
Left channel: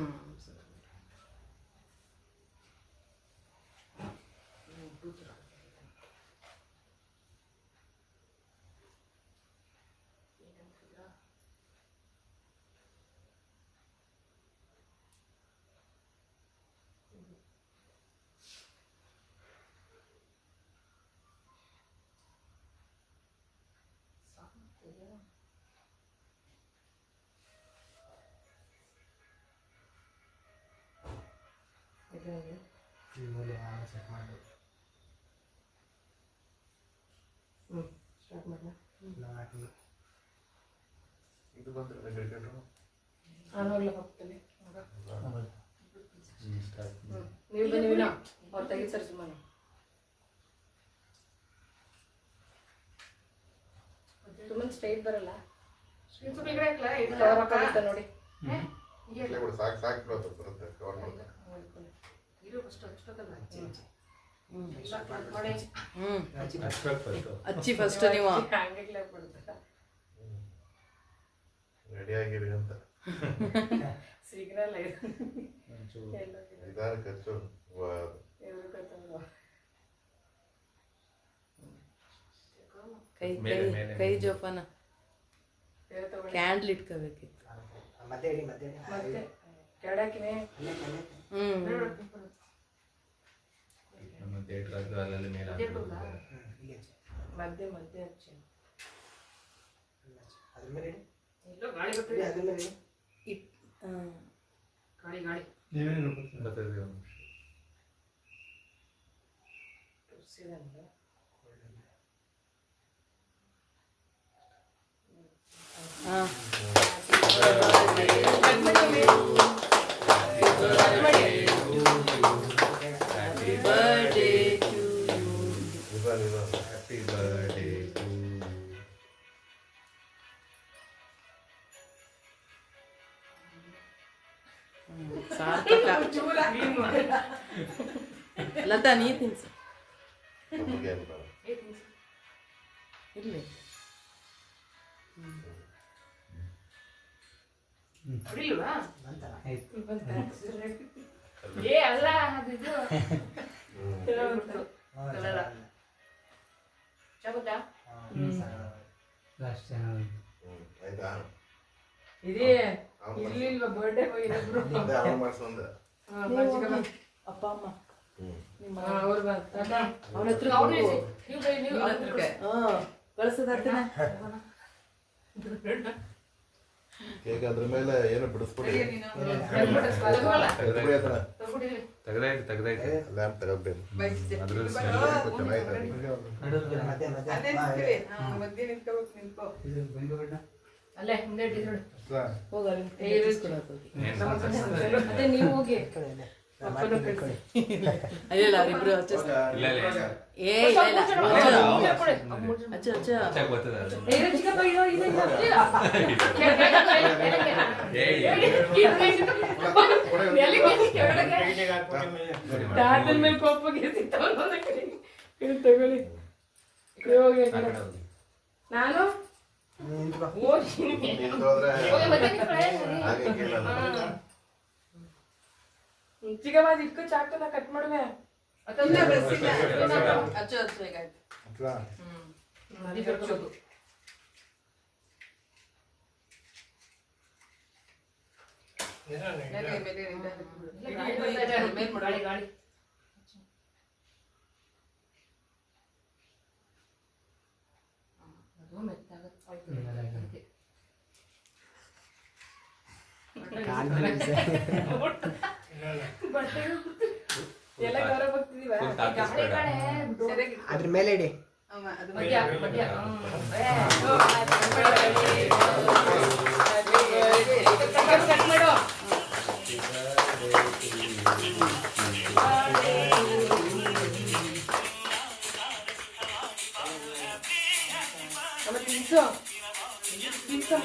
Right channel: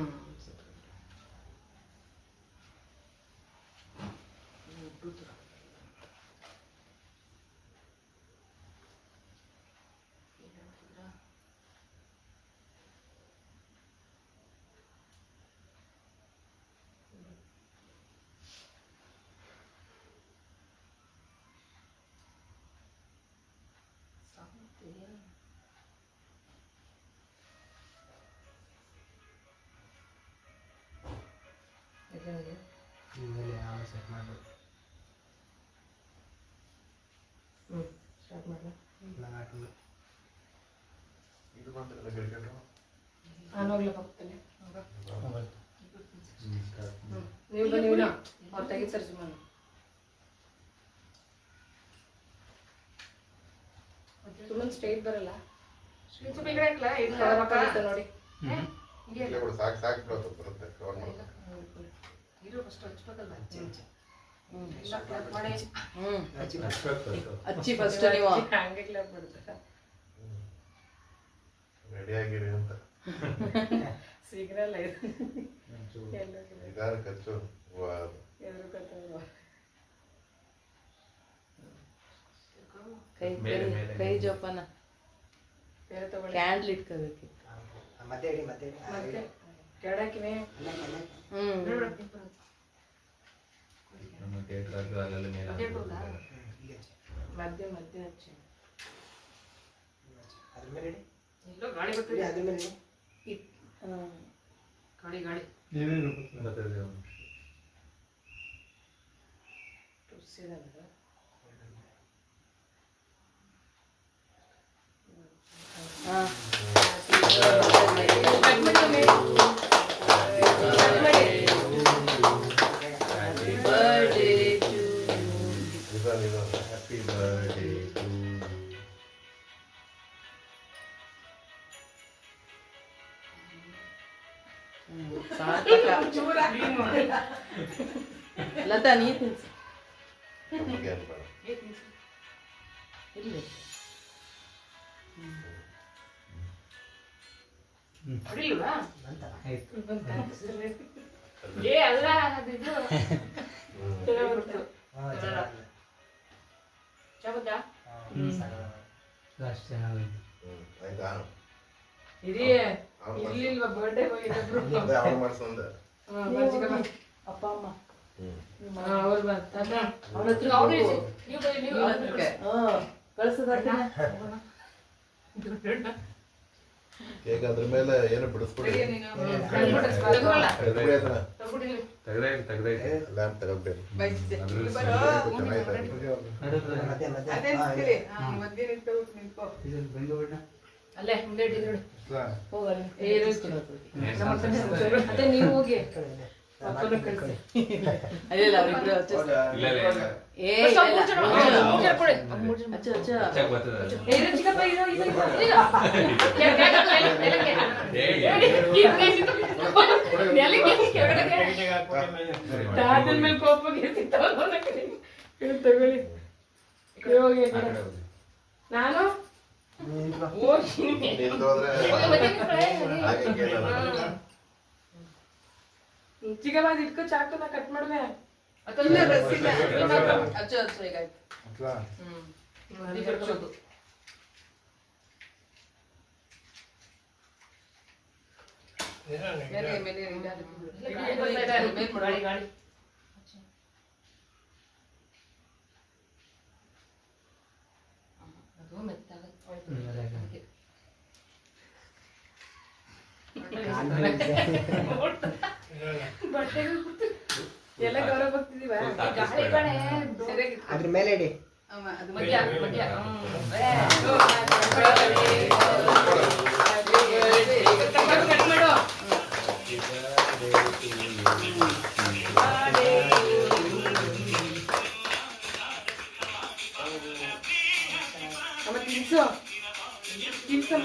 ಸ್ಟಾರ್ಟ್ ಮಾಡಲ ಇದು ಬಂದ್ರೆ ಕ್ರಿಕೆಟ್ ನಾನು ಹೋಗ್ಲಾ ಹೋಗ್ತೇನೆ ನೀವು ಬನ್ನಿ ಅವ್ರು ತೆಗಿ ಸರ್ ಸುಮ್ಮನೆ ಸುಮ್ಮನೆ ಸ್ಟ್ರೈಟ್ ಬರಲ್ಲ ಕವರ್ ಹಾಕೋಗುತ್ತೆ ನೋಡಿ ಸಾಕು ಸಾಕು ಬರುತ್ತೆ ಕವರ್ ಮಾಡೋದು ಅಚ್ಚಿ ಫಸ್ಟ್ ನೀವು ಹಂಗೆ ಕ್ಲಾಪ್ ಬಿಡ್ತಾರೆ ರೆಡಿ ಆಗಿರಿ ಅಂತ ಸಿಗ್ನಲ್ ಇದು ಇದಾರ ಖರ್ಚು ಎದುರು ಕತ್ತಲ್ವ ಕೈ ಕೈ ಜೋಪಾನ ಬೇರೆ ತಗೊಳ್ಳಿ ಕ್ಯಾಂಡ್ಲ್ ಇಟ್ಕೋಬೇಕಿತ್ತು ಮತ್ತೆ ಕೆಡಕಿನೇ ಮಧ್ಯೆ ಮಧ್ಯೆ ಹಚ್ಚಿ ಎಲ್ಲೋ ಗಾಳಿ ಬರ್ತದೆ ಗಾಳಿ ತುರ್ಸಿದಲ್ಲ ಲತಾ ನೀ ತಿನ್ಸು ಇಲ್ಲಿ ಹೊಡಿಲ್ವಾ ಏ ಅಲ್ಲ ಅದು ಇದು ಚಬುದಾ ಆಯ್ತಾ ಇದೇ ಇಲ್ಲಿಲ್ವಾ ಬರ್ಡೇ ಹೋಗಿದ್ರು ಅವ್ರು ಮಾಡ್ಸಂದ ಅಪ್ಪ ಅಮ್ಮ ಅವ್ರು ಬಂತ ಅವನ ಹತ್ರ ಕಳಿಸೋದಾಗ್ತಾನೆ ಕೇಕ್ ಅದ್ರ ಮೇಲೆ ಏನು ಬಿಡಿಸ್ಬಿಡಿ ಲ್ಯಾಂಪ್ ತಗೋಬೇಕು ಅಲ್ಲೇ ಮುಂದೆ ಇಟ್ಟಿದ್ರು ಹೋಗಲಿ ಅದೇ ನೀವು ಹೋಗಿ ಅಪ್ಪನ ಕಳಿಸಿ ಅಲ್ಲ ಅವರಿಬ್ರು ಏ ಚಿಕ್ಕಪ್ಪ ಇರೋ ತಾತನ ಮೇಲೆ ಕೋಪಗೆ ತಗೊಳ್ಳಿ ಹೋಗಿ ನಾನು ಚಿಕ್ಕಪ್ಪ ಅದು ಇಟ್ಕೋ ಚಾಕುನ ಕಟ್ ಮಾಡುವೆ ಅಚ್ಚು ಅಚ್ಚು ಈಗ ಗಾಡಿ ಎಲ್ಲ ಗೌರವ ಬರ್ತಿದೀವ ಅದ್ರ ಮೇಲೆ ಇಡಿ ಕಟ್ ಮಾಡು ಅಮ್ಮ ತಿನ್ಸು ತಿನ್ಸು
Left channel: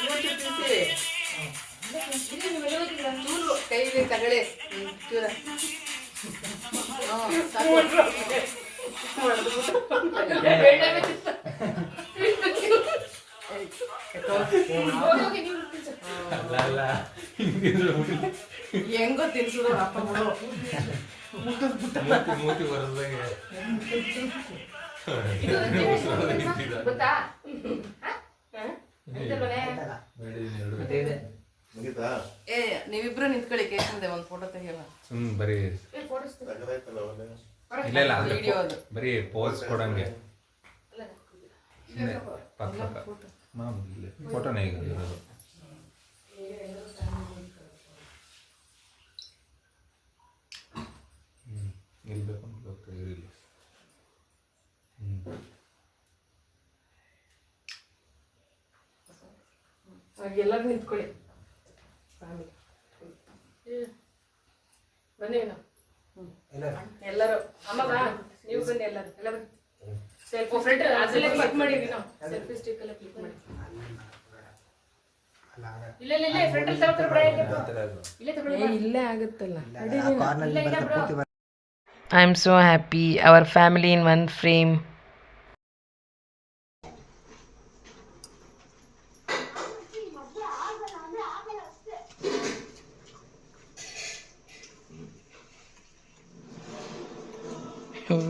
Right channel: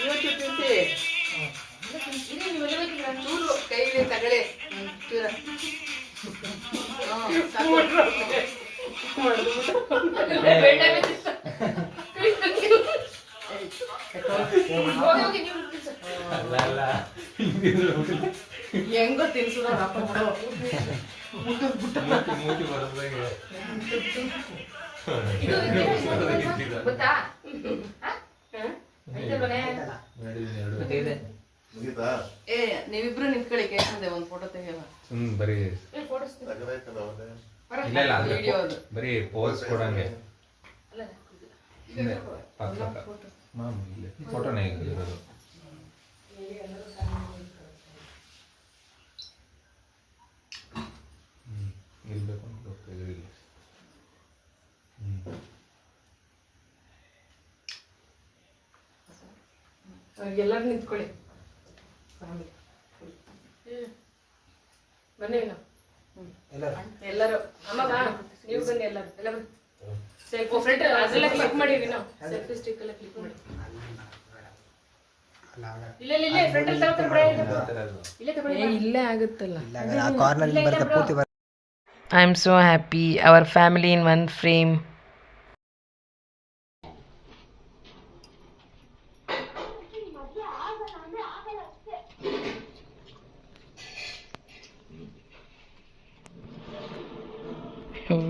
ಇವತ್ತು ತಿನ್ಸಿ ಚೂರು ಕೈಲಿ ತಗಳೆ ಚೂರ ಹೆಂಗೋ ತಿನ್ಸುದ ಗೊತ್ತಾ ಮುಗಿತಾ ಏ ನೀವಿಬ್ರು ನಿಂತ್ಕೊಳ್ಳಿ ಕೇಳ್ತದೆ ಒಂದು ಫೋಟೋ ತೆಗಿಯಲ್ಲ ತಗದಾಯ್ತಲ್ಲ ಅವನೇ ಇಲ್ಲ ಇಲ್ಲ ಅಂದ್ರೆ ಬರೀ ಪೋಸ್ ಕೊಡಂಗೆ ಹಿಂದೆ ಪಕ್ಕ ಮಾಮೂಲಿ ಇಲ್ಲಿ ಫೋಟೋನೇ ಇರೋದು. ಇರ್ಬೇಕು ಅಂತ ಗೊತ್ತಾಗಿರಲಿಲ್ಲ. ಎಲ್ಲರೂ ನಿಂತ್ಕೊಳ್ಳಿ ಫ್ಯಾಮಿಲಿ ಬನ್ನಿ ಎಲ್ಲರೂ ಅಮ್ಮ ನೀವು ಬನ್ನಿ ಎಲ್ಲರೂ ಎಲ್ಲ ಬನ್ನಿ ಸೆಲ್ಫಿ ಫ್ರೆಂಡ್ ಅದೆಲ್ಲ ಕ್ಲಿಕ್ ಮಾಡಿವಿ ನಾವು ಸೆಲ್ಫಿ ಸ್ಟಿಕ್ ಎಲ್ಲ ಕ್ಲಿಕ್ ಮಾಡಿ ಇಲ್ಲ ಇಲ್ಲ ಇಲ್ಲ ಫ್ರೆಂಡ್ ಅಲ್ಲಿ ತಗೊಳ್ತಾರೆ ಇಲ್ಲೇ ಇಲ್ಲೇ ಆಗುತ್ತಲ್ಲ. I am so happy hour family in one frame.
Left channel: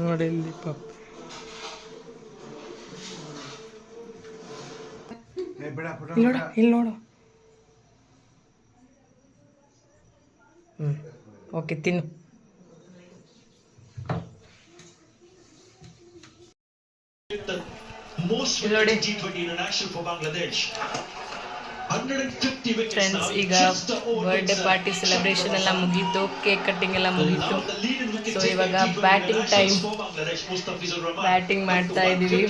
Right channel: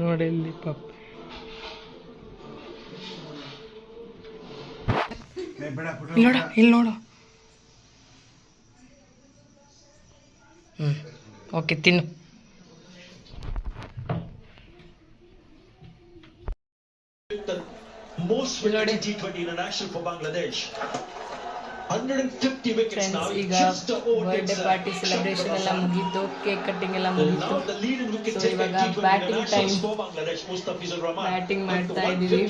ನೋಡಿ ಇಲ್ಲಿ ಪಾಪ ಇಲ್ಲಿ ನೋಡ ಇಲ್ಲಿ ನೋಡು. ಓಕೆ ತಿನ್ನು. ಫ್ರೆಂಡ್ಸ್ ಈಗ ಬರ್ಡೇ ಪಾರ್ಟಿ ಸೆಲೆಬ್ರೇಷನ್ ಎಲ್ಲ ಮುಗೀತು, ಕೇಕ್ ಕಟ್ಟಿಂಗ್ ಎಲ್ಲ ಮುಗೀತು. ಸೊ ಇವಾಗ ಬ್ಯಾಟಿಂಗ್ ಟೈಮ್, ಬ್ಯಾಟಿಂಗ್ ಮಾಡ್ತಾ ಇದ್ದೀವಿ.